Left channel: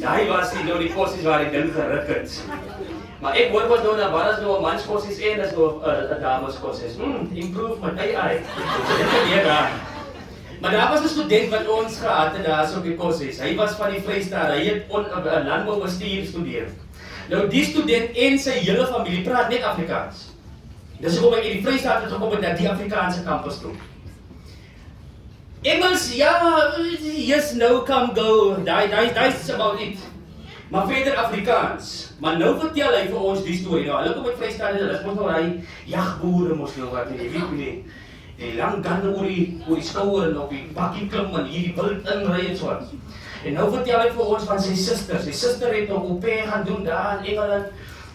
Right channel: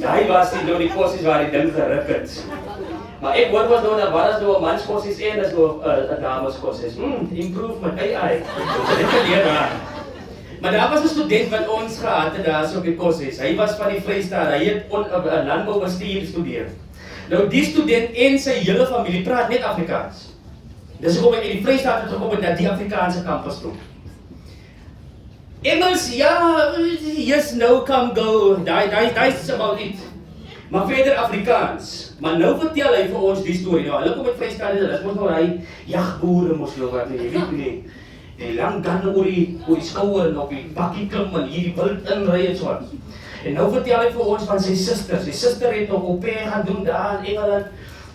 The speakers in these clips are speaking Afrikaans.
Daai was die kossies waar die ding geruk het. Maar ek hoor wat nou dat wat as nou 'n mans kossies en as nou 'n dames kossies. Improvement, AI. Dit gebeur daar. Maar daar was 'n student wat ons gehad het daar so op die kossies. Hy was van die Vrystaat, hy het landboubestuur gestudeer. Nou die student en sy hele familie praat net Afrikaans. Dis hoekom hy in die Vrystaat het gekom met die Afrikaanse kampus toe. Engels, ja, yes, no, come, go, that's about it. Maar verder Afrikaans. Maar nou vertel hy vir ons die storie. Nou, hulle kom met Vrystaat, hulle is mos nou hy jagboere mos nou wat, jy weet nie. Die lang ganne oor die skouer en op die bakkie klim en hier die wild inry en so. En nou vertel hy vir ons van sy suster. Sy suster het nog op pay gaan doen daar in Engeland.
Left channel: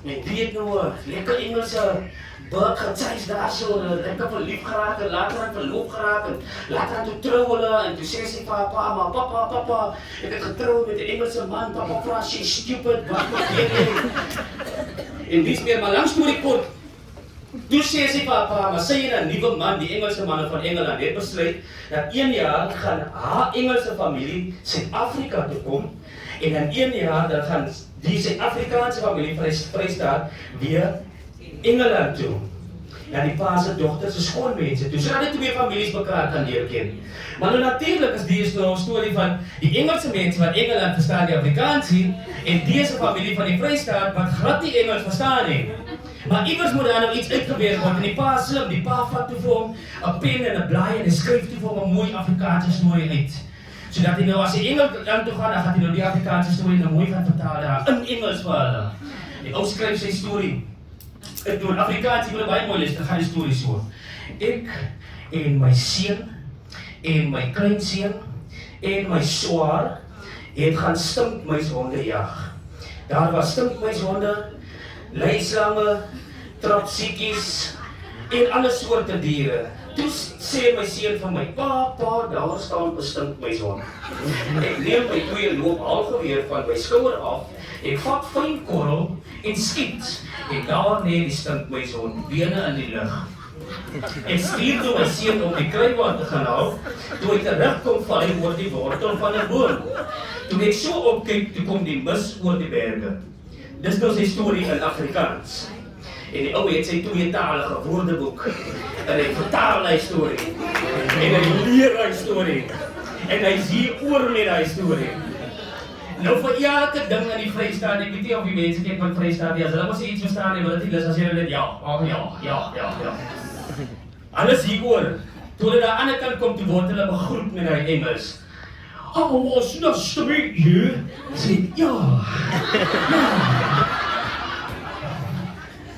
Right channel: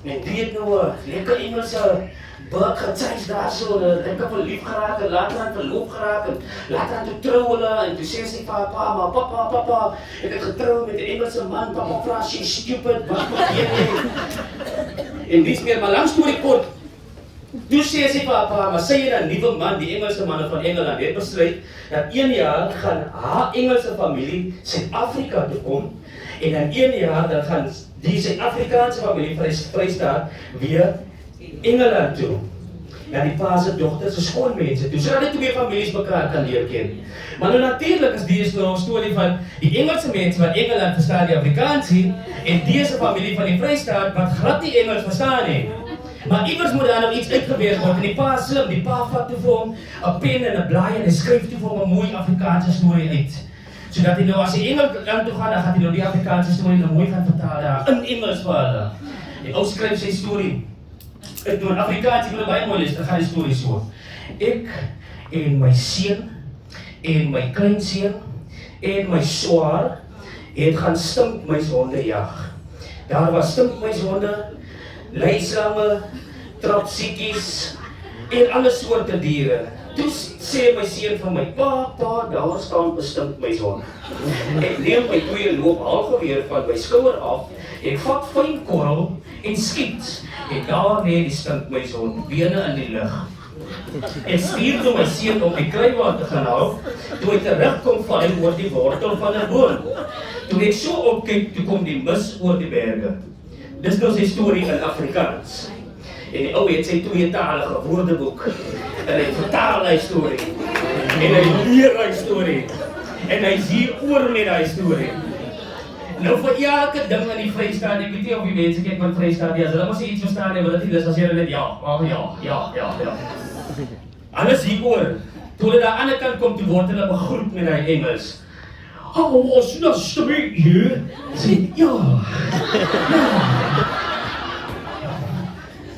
En die het nou 'n lekker Engelse burg getuis daar so, lekker verlief geraak en later aan verloop geraak en later aan toe trou hulle en toe sê sy vir pa, maar papa, ek het getrou met 'n Engelse man, papa vra sy stupid, wat weet jy? En dis meer, maar lang storie kort. Toe sê sy vir pa, maar sy het 'n nuwe man, die Engelse manne van Engeland, het besluit dat 1 jaar gaan haar Engelse familie Suid-Afrika toe kom en dan 1 jaar dan gaan die Suid-Afrikaanse familie Vrystaat weer Engeland toe. Ja, die pa se dogter se skoolmense toe. Sodat die twee families mekaar kan leer ken. Maar nou natuurlik is die nou 'n storie van die Engelse mense wat Engeland verstaan die Afrikaans nie en dese familie van die Vrystaat wat glad nie Engels verstaan nie. Maar iewers moet daar nou iets uitgewerk word en die pa slim, die pa vat toe vir hom 'n pen en 'n blaai en hy skryf toe vir hom 'n mooi Afrikaanse storie uit. Sodat hy nou as hy Engeland toe gaan, dan gaan hy nou die Afrikaanse storie nou mooi gaan vertaal daar in Engels vir hulle. Die ou skryf sy storie. Ek doen Afrikaans, ek wil baie mooi lees, dan gaan die storie so. Ek en my seun en my kleinseun en my swaar het gaan stinkmuishonde jag. Daar was stinkmuishonde, leislange, trapsiekies en alle soorte diere. Toe sê my seun vir my, pa, daar staan 'n stinkmuishond. Ek neem my 2 loophalgeweer van my skouer af, ek vat fyn korrel en skiet. En daar lê die stinkmuishond bene in die lug. Ek stuur toe my seun om die kruiwagen te gaan haal, toe hy terugkom val hy oor die wortel van 'n boom. Toe ek so opkyk, toe kom die mis oor die berge. Dis nou sy storie in Afrikaans. En die ou het sy tweetalige woordeboek. En hy vertaal hy storie. En hy leer hy storie. En hy is hier oor met hy storie. Nou vir elke ding in die Vrystaat, ek weet nie of die mense kyk van Vrystaat, as hulle mos iets verstaan, wil dit nie, dis as jy net ja. Alles hieroor, toe hulle daar aan die kant kom, toe word hulle begroet met hy Engels. Oh, it's nice to meet you. Sê, ja.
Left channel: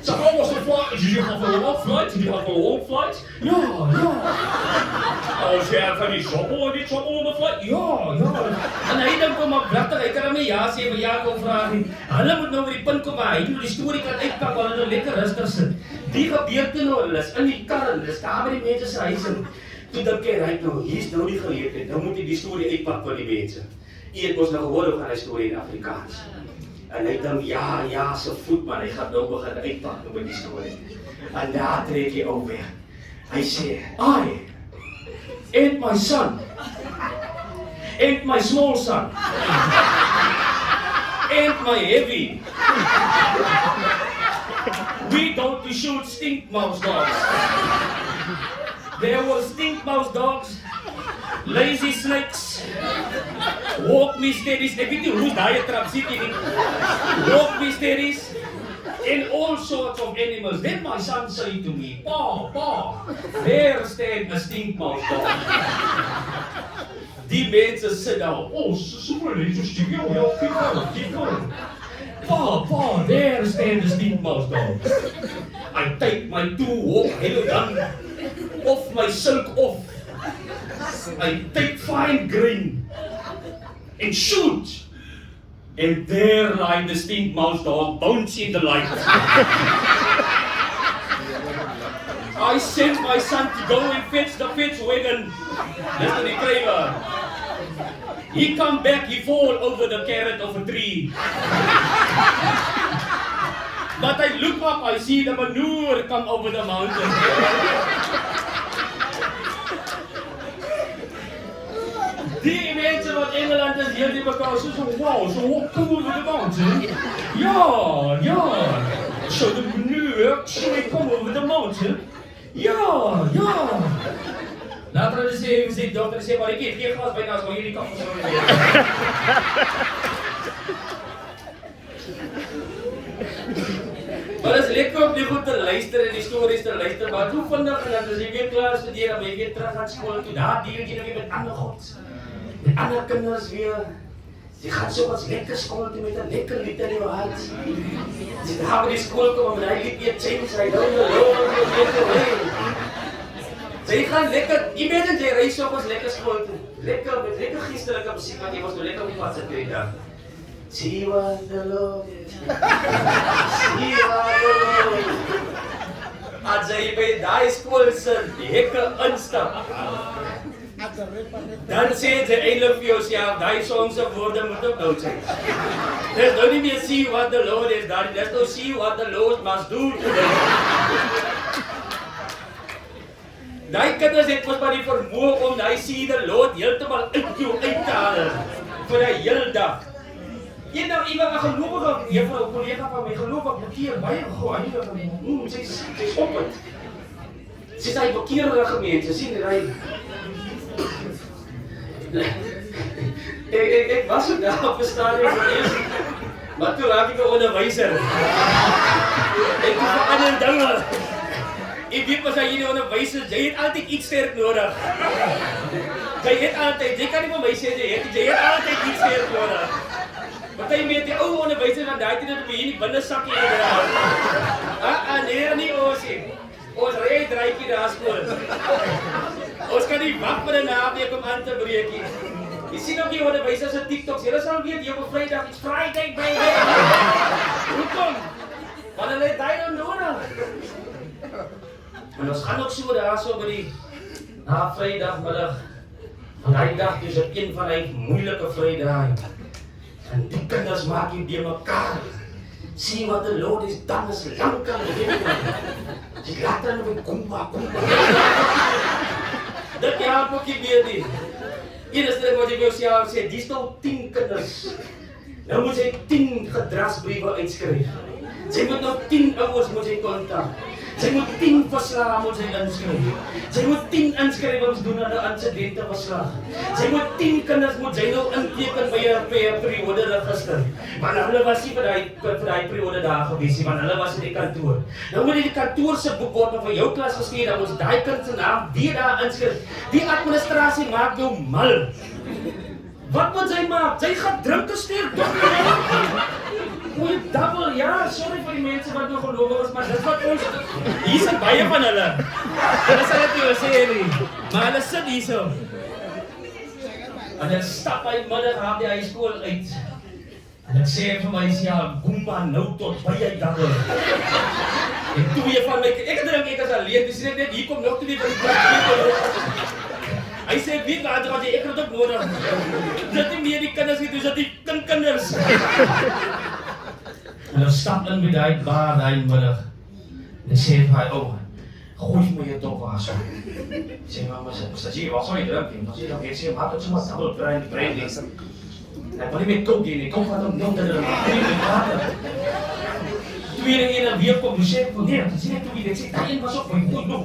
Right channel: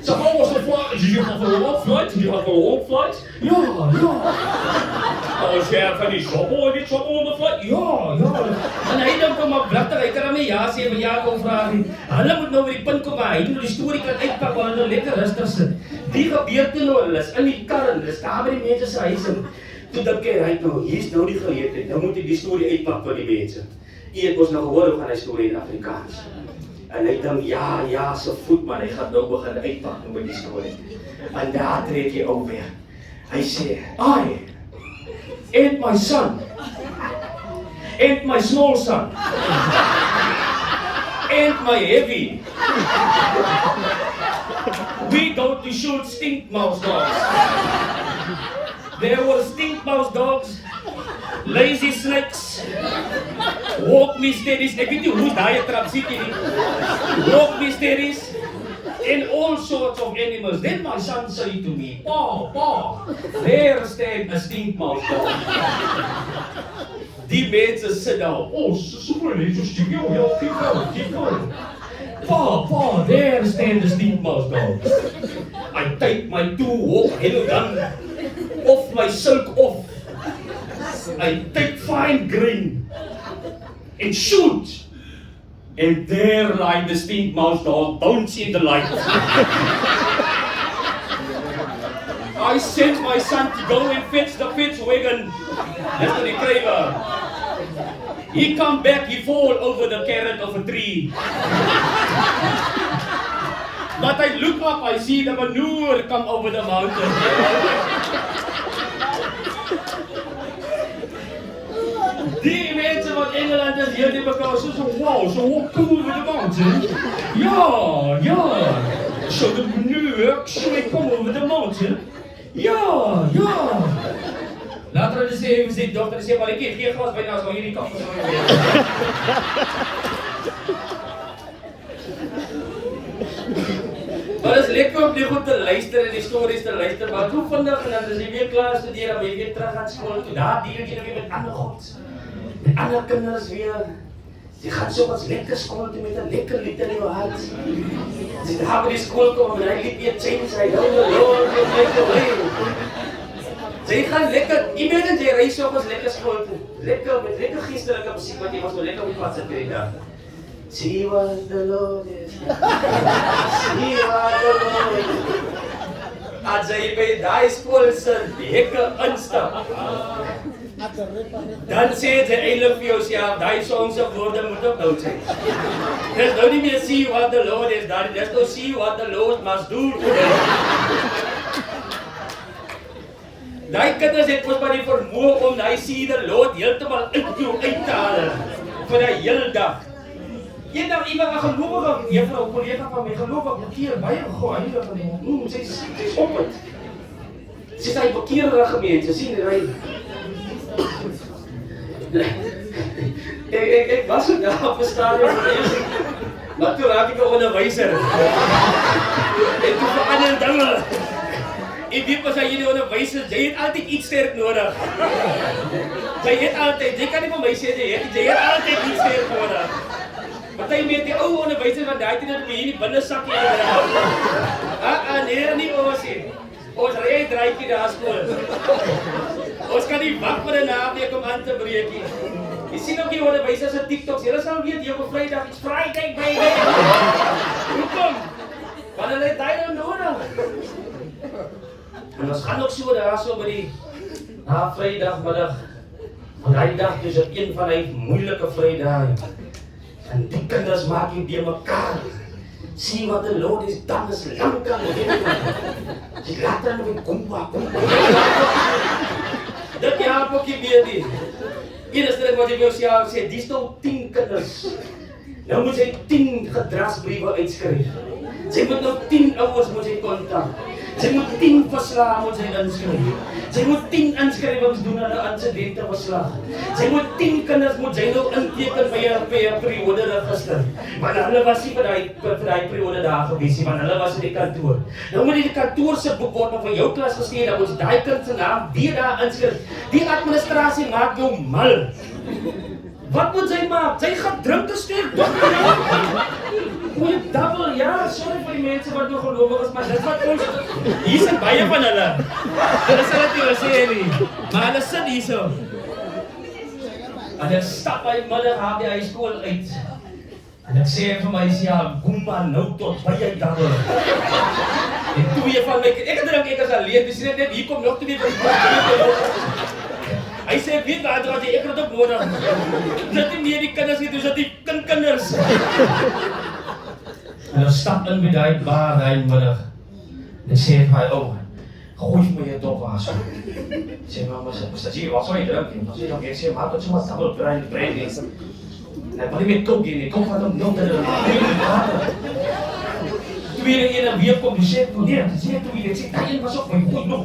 So how was the flight? Did you have a long flight? Ja. Als jy van die trouble on the flight? Ja. En hy dink kom maar blikter, hy kan hom nie ja sê, maar ja kom vraag nie. Hulle moet nou by die punt kom waar hy nou die storie kan uitpak, waar hulle nou lekker rustig sit. Die gebeur toe nou, hulle is in die kar, hulle is daar by die mense se huis en toe dink hy nou, hier is nou die geleentheid, nou moet hy die storie uitpak van die mense. Hy het ons nou gehoor hoe gaan hy storie in Afrikaans. En hy dink, ja, so voet man, hy gaan nou begin uitpak met die storie. En daar trek hy ook weer. Hy sê, I and my son, and my small son, and my heavy, we go to shoot stinkmouse dogs. There were stinkmouse dogs, lazy snakes, walk me steadies, ek weet nie hoe daai trapsiekie nie, walk me steadies, and all sorts of animals. Then my son said to me, Pa, there stand a stinkmouse dog. Die mense sit daar, so interesting, ja, keep going. Pa, there stand a stinkmouse dog. I take my 2 hawk gun off my silk off. I take fine grain and shoot. And there lie the stinkmouse dog, bouncing the light. I sent my son to go and fetch the fetch wagon. That's the craver. He come back, he fall over the carrot of a tree. But I look up, I see the manure come over the mountain. Die mensen van Engeland is hier die mekaar so wow, so walk over the mountain. Ja. So the New York, so we come over the mountain. Ja. Later hulle sê, die dokter sê, maar ek het geen glas byna, so hierdie kant so weer. Maar is lekker om die goed te luister en die stories te luister, maar toe vandag en dan as jy weer klaar studeer, dan ben jy weer terug aan skool toe, daar deel jy weer met ander gods. Met ander kinders weer. Jy gaan so wat lekker skool toe met 'n lekker lied in jou hart. As jy daar by die skool kom en hy lied weer change, hy don't know jy gaan lekker, imagine jy reis op as lekker skool toe. Lekker met lekker geestelike musiek wat jy was nou lekker op pad sit hierdie dag. See what the Lord is. See what the Lord is. As jy by die skool se hekke instap. Dan sê jy eintlik vir jouself, daai song se woorde moet onthou sy. Dis nou nie meer see what the Lord is, dis nou see what the Lord must do today. Daai kinders het mos maar die vermoë om daai see the Lord heeltemal uit jou uit te haal vir 'n hele dag. Eendag iemand 'n gelowige juffrou, 'n kollega van my, gelowig bekeer baie heilige van hom. Sy's op dit. Sy sê hy bekeerde gemeente, sien hy. Ek was ook daar op 'n stadium gewees. Maar toe raak ek 'n onderwyser. Ek doen ander dinge. Ek weet pas jy die onderwyser, jy het altyd iets sterk nodig. Jy kan nie vir my sê jy het altyd iets sterk nodig. Party met die ou onderwyser van daai tyd het my hier in die binnensakkie gedra. Nee, nie ons nie. Ons ry draaikie daar skool. Ons kan nie wag vir 'n naweek om aan te breek nie. Jy sien ook die onderwysers se TikToks, julle sal weet jy op Vrydag iets Friday baby. Hoekom? Want hulle het daai nodig. En ons gaan ook so daar so by die na Vrydagmiddag. Van daai dag dis een van die moeilike Vrydae. En die kinders maak jy by mekaar. See what the Lord is done is lankal. Jy laat dan nog kom. Dat ja, pokkie weer die. Eerste wat ek jou sê, dis nou 10 kinders. Nou moet jy 10 gedragsbriewe uitskryf. Jy moet nou 10 ouers moet jy kontak. Jy moet 10 verslae moet jy inskryf. Jy moet 10 inskrywings doen aan 'n insidente verslag. Jy moet 10 kinders moet jy nou inteken by 'n periode register. Maar hulle was nie vir daai periode daar gewees nie, want hulle was in die kantoor. Nou moet jy die kantoor se boek word van jou klas gestuur, dan moet daai kind se naam weer daar inskryf. Die administrasie maak jou mal. Wat moet sy maak? Sy gaan drink stuur. Goeie dubbel, ja, sorry vir die mense wat nou gelowig is, maar dis wat ons, hier sit baie van hulle. Hulle sal dit nie wil sê nie, maar hulle sit hier so. En ek stap by middag haar by die skool uit. En ek sê vir my, ja, kom maar nou tot baie dubbel. En twee van my, ek dink ek is alleen, dis net hier kom nog twee van die hy sê, weet wat, ek het ook nodig. Dit nie meer die kinders nie, dus dat die kinders. En dan stap in by die bar die middag. En dan sê hy, gooi my jy top was. Sê, mama, sê, wat sal jy drink? En dan sê ek sê, maar tot so maar double brandy. En ek wil nie met coke nie, kom wat om te drink. Tweede ene weer kom, die sê, nee, dat sê toe weer, ek sê, die een was ook my goed nog.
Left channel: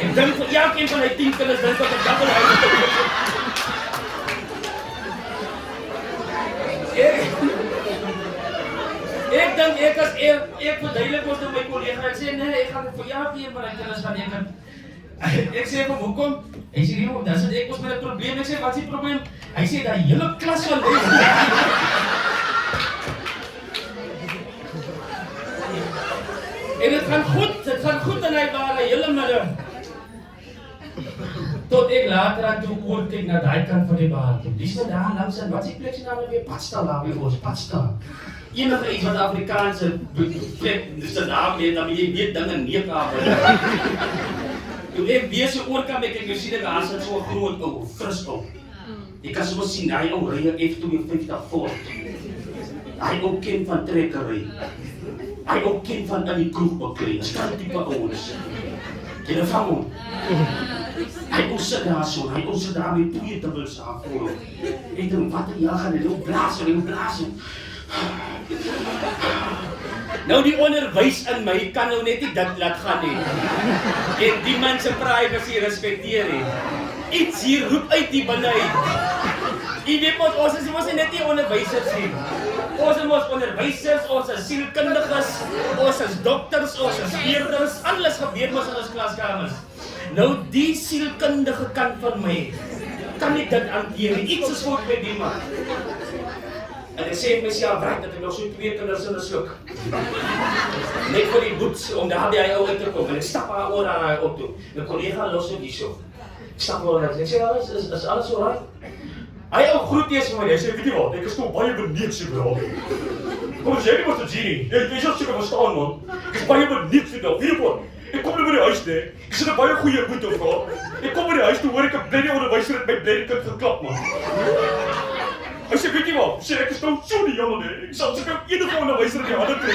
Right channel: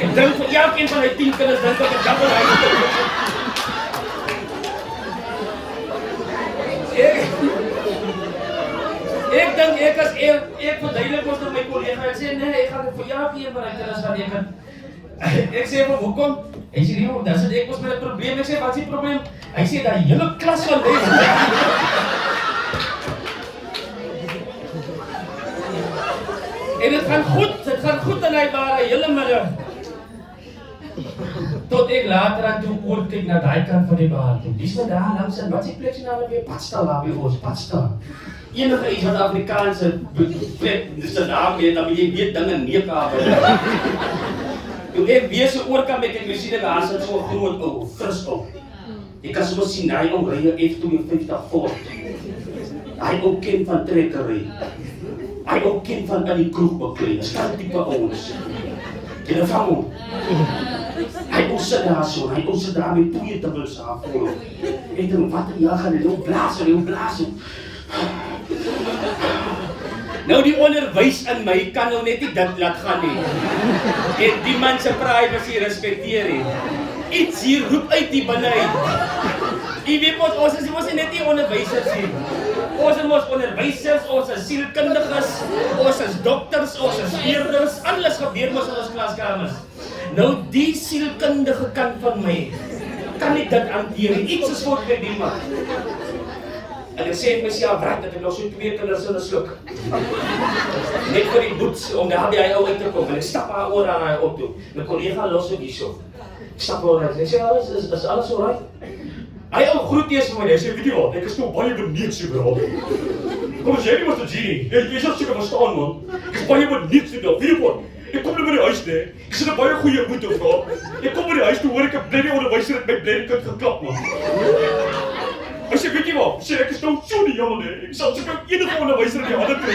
En dan vir elkeen van die 10 kinders, dan ek double Ek dink ek verduidelik ons aan my kollega, ek sê nee, ek gaan vir jou een van die kinders gaan ek sê vir hoekom? Hy sê nee, dan sit ek mos met 'n probleem. Ek sê wat is die probleem? Hy sê dat die hele klas van les. En dit gaan goed in hy bare hele middag. Tot ek later aan toe oor kyk na daai kant van die baan toe. Dis wat daar langs en wat is die plek se naam weer? Padstal daar by ons, Padstal. Enige iets wat Afrikaanse dis 'n naam het, dan jy weet dinge neerkaap. Toe ek weer so oor kan met ek sien daar sit so 'n groot ou, fris ou. Jy kan sommer sien hy ou ry 'n F52 Ford. Hy ook kind van trekkery. Hy ook kind van in die kroeg beklei. Staan tipe ouens. Jy vang hom. Hy ons sit daar so, hy ons sit daar met twee dubbels af voor. Ek dink, wat ja gaan jy blaas. Nou die onderwys in my kan nou net nie dit laat gaan nie. En die man se privacy respekteer nie. Iets hier roep uit die binne uit. Jy weet mos, ons is net nie onderwysers nie. Ons is mos onderwysers, ons is sielkundiges, ons is dokters, ons is leerders, alles gebeur mos in ons klaskamers. Nou die sielkundige kant van my, kan ek dit hanteer nie. Iets is fout met die man. En ek sê vir myself, dat ek nog so 2 kinders in 'n sluk. Net vir die boets, om daar by hy ou uit te kom. En ek stap haar oor aan hy auto. My kollega los ook hierso. Ek stap oor en ek sê, is alles alright? Hy ou groet eers vir my, hy sê, weet jy wat, ek is nog baie benieuwd so bro. Kom as jy nie was 'n genie, jy sal seker verstaan man. Ek is baie benieuwd so bro, weet jy wat? Ek kom nou by die huis nee, ek sit 'n baie goeie moed op gehad. Ek kom by die huis toe hoor ek 'n blinde onderwyser het my blinde kind geklap man. Hy sê, weet jy wat, ek is nou so nie jammer nee, ek sal seker enige onderwyser in die hande kry.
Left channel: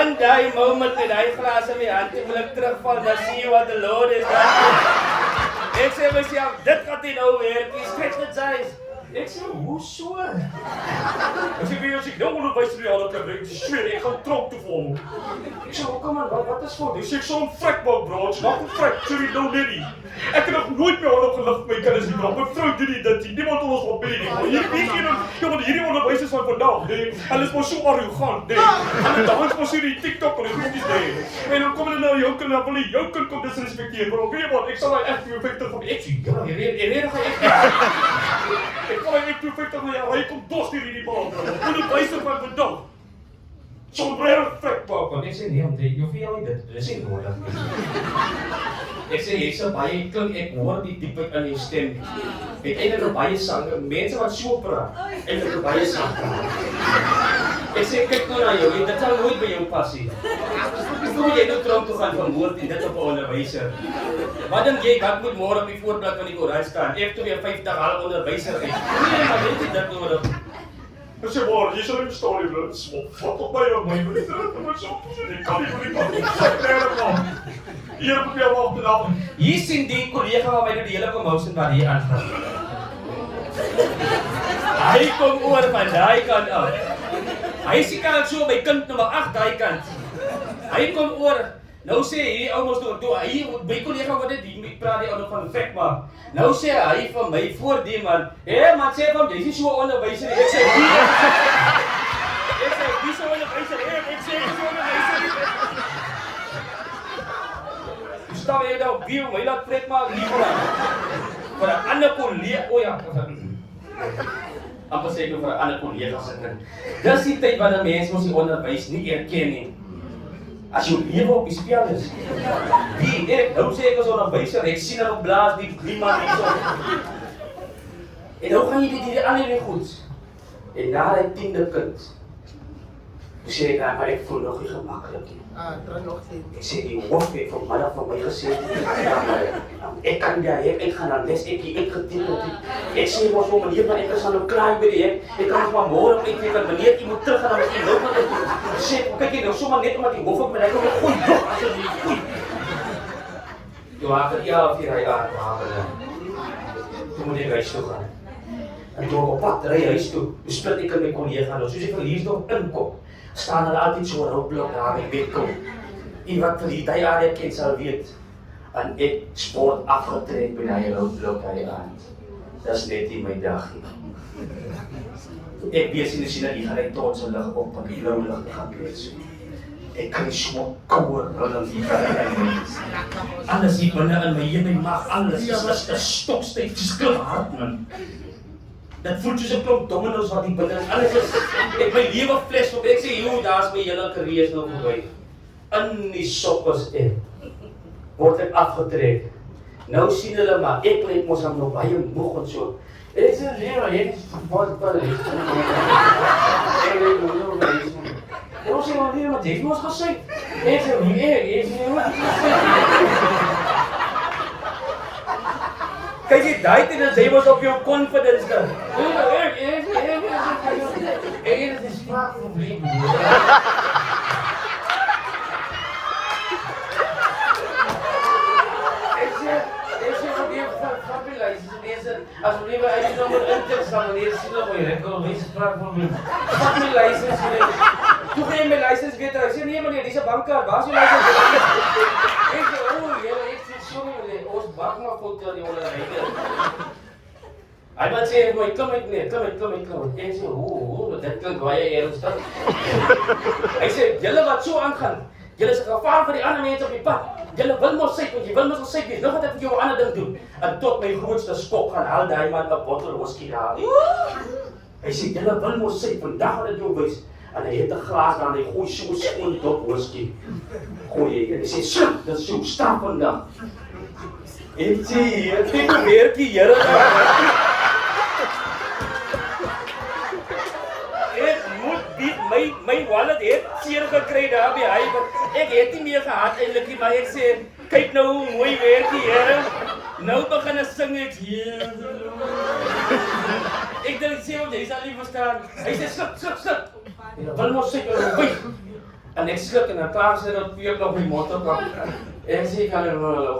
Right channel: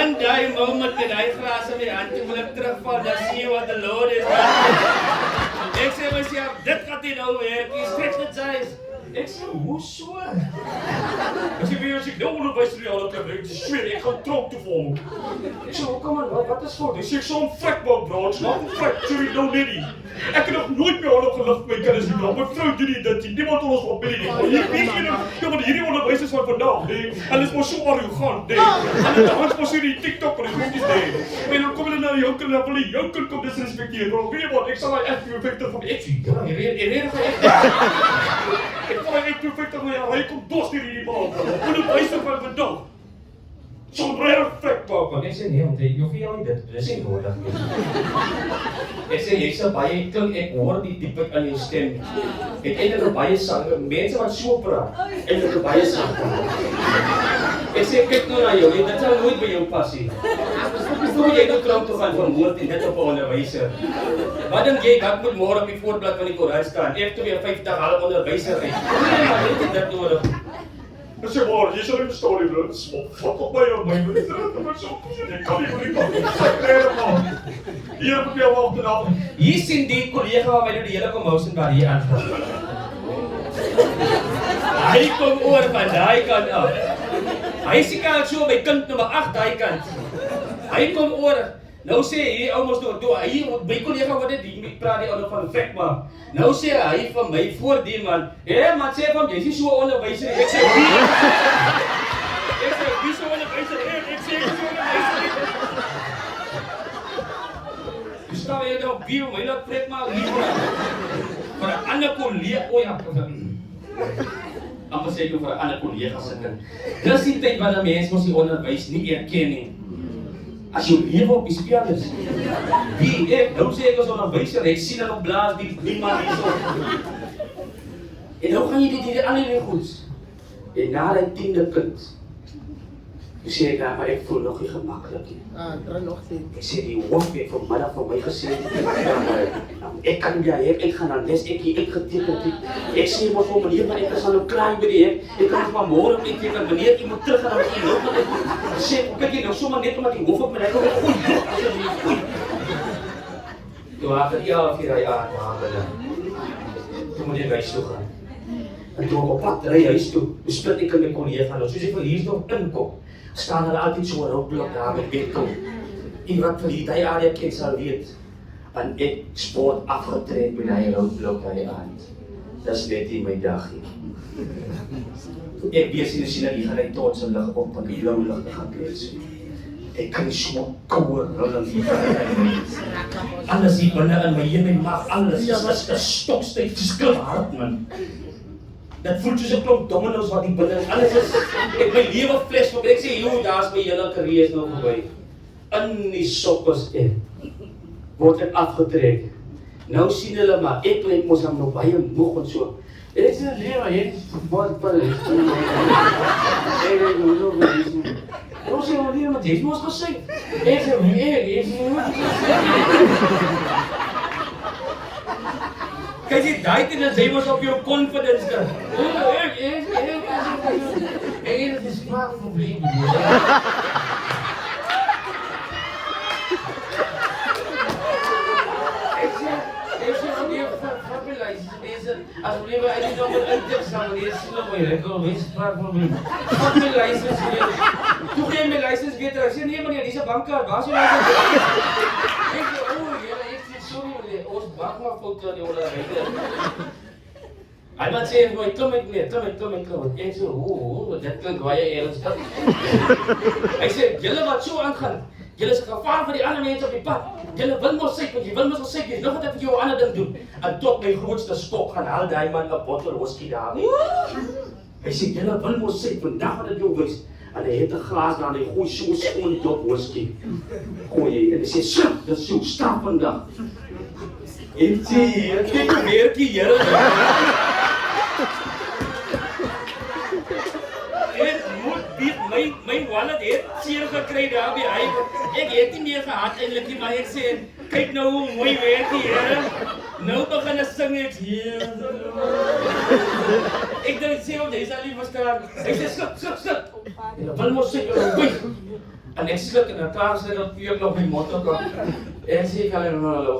En die moment met die glas in my hand, wil ek terugval, dan sien wat the Lord is done. Ek sê myself, dit gaat nie nou werk, jy stretch dit size. Ek sê, hoe so? Ek sê, as ek nou onderwijs in die handen kan bring, sweer, ek gaan tronk toe vir hom. Ek sê, kom man, wat is voor? Ek sê, ek sal hom vrek maak, bro, ek maak hom vrek, sorry, nou net nie. Ek het nog nooit meer honderd gelicht my kinders nie, bro. My vrou doen nie dit nie, niemand wil ons van binnen nie. Maar hier weet jy nou, want hierdie onderwijsers van vandag, nee, hulle is maar so arrogant, nee. Hulle dans maar so die TikTok en die goedies, nee. En dan kom hulle na jou kind, dan wil jou kind kom disrespekteer, bro. Weet jy wat, ek sal my echt perfecter van ek sien. Ja, ek kom my echt perfecter van jou, hy kom dos hier in die baan, bro. Onderwijser van vandag. Zo'n rare vrek maak, want ek sê nee, want jy hoef jou nie dit is nie nodig. Ek sê, jy sal baie klink, ek hoor die diepheid in jou stem. Het eindelijk baie sang, mense wat so praat, eindelijk baie sang praat. Ek sê, kyk nou na jou, dit sal nooit by jou passie. Hoe moet jy nou krop toe gaan van woord en dit op 'n onderwyser? Wat dink jy, wat moet môre op die voorblad van die koerant staan? Ek 52 half onderwyser uit. Nee, maar weet jy dit nodig? Ek sê, maar, jy sal nie verstaan nie, bro, wat op my aan my, bro, ek kan nie, hier moet jy wacht en af. Hier sien die collega wat my nou die hele komhousen waar hier aanvang. Hy kom oor van die kant af. Hy sê kan so my kind nummer 8 die kant. Hy kom oor. Nou sê hy, ouwens toe, hy, my collega wat dit, praat die ouwe van vrek maak. Nou sê hy van my voor die man, man sê van, jy is nie so onderwijzer nie. Ek sê, wie so onderwijzer? Ek sê, so onderwijzer nie. Toe staan jy nou, wie my laat vrek maak hier vir 'n ander collega, amper sê ek vir 'n ander collega se kind. Dis die tyd wanneer mense ons die onderwys nie erken nie. As jou lewe op die spel is. Nou sê ek as onderwyser, ek sien hulle blaas die man hier so. En nou gaan jy die ander goeds. En na die 10de kind, hoe sê ek, maar ek voel nog nie gemakkelijk nie. Ek sê, die hoof het vanmiddag vir my gesê, ek kan ek gaan naar les, ek getekend het. Ek sê maar vir meneer, maar ek is nou klaar by die ek kan het maar morgen op uitteken, meneer, jy moet terug gaan naar die loop. Ek sê, kyk jy nou, sommer net omdat die hoof op my kom, ek gooi nog, asjeblief, gooi. Toe achter 4 jaar, toe moet ek huis toe gaan. En toe op pad ry huis toe, toe split ek in my collega, soos ek vir hier nog inkom, staan er altyd so roodblok daar met wetkom. En wat vir die jare ken sal weet, en ek sport afgetrek by die roodblok aan die aand. Dis net nie my dag nie. Ek wees hier sien dat die gelijk trots en lig op, want die blauw lig gaan wees. Ek kan nie so kouwe brillen wie alles hier binne in my hele mag, alles is stokstyf, dis klip hard man. Dat voel soos 'n klomp domino's wat die binne is, alles is, ek my lewe fles op, ek sê, joh, daar is my hele carrière is nou voorbij. In die sokkers word ek afgetrek. Nou sien hulle maar, ek lyk mos aan my baie moeg en so. En ek sê, nee man, jy wat is en ons sê, maar nee, wat heeft ons gesê? Ek sê, nee, jy sê, wat kijk jy die tyd en jy was op jou confidence dan. Ek is spraak probleem. license en deze, as jy my ID-nommer intik, sal meneer sien op my record, wees vraag van my. Vat my license weer. Toe gee my license weer terug. Ek sê nee meneer, dis 'n bankkaart. Waar is jou license? Ek sê, ek sê sorry meneer, ons bak maar foto aan die onder ry. Hy het sê vir my, klim uit meneer, klim. Ek sê, dit klink baie ernstig. Ek sê, julle wat so aangaan, julle is gevaar vir die ander mense op die pad. Julle wil mos syk, jy wil mos gesyk wees. Nou wat ek vir jou 'n ander ding doen. En tot my grootste skok gaan haal daai man 'n bottel whisky daar. Hy sê, julle wil mos syk, vandag gaan dit jou wys. En hy het 'n glas daar en hy gooi so skoon dop whisky. Gooi hy sê, "Sjoe, dit is so straf vandag." Ek sê, "Ek kyk werkie, Here daar." Ek moet bied my wallet het seer gekry daar by hy. Ek het nie meer gehad eintlik nie, maar ek sê, "Kyk nou hoe mooi werkie, Here." Nou begin ek sing ek hier. Ek dink sê hom, jy sal nie verstaan. Hy sê, "Skit. Wil mos seker wys." En ek skrik en 'n paar sê dat weer nog die motor kom. En sê ek aan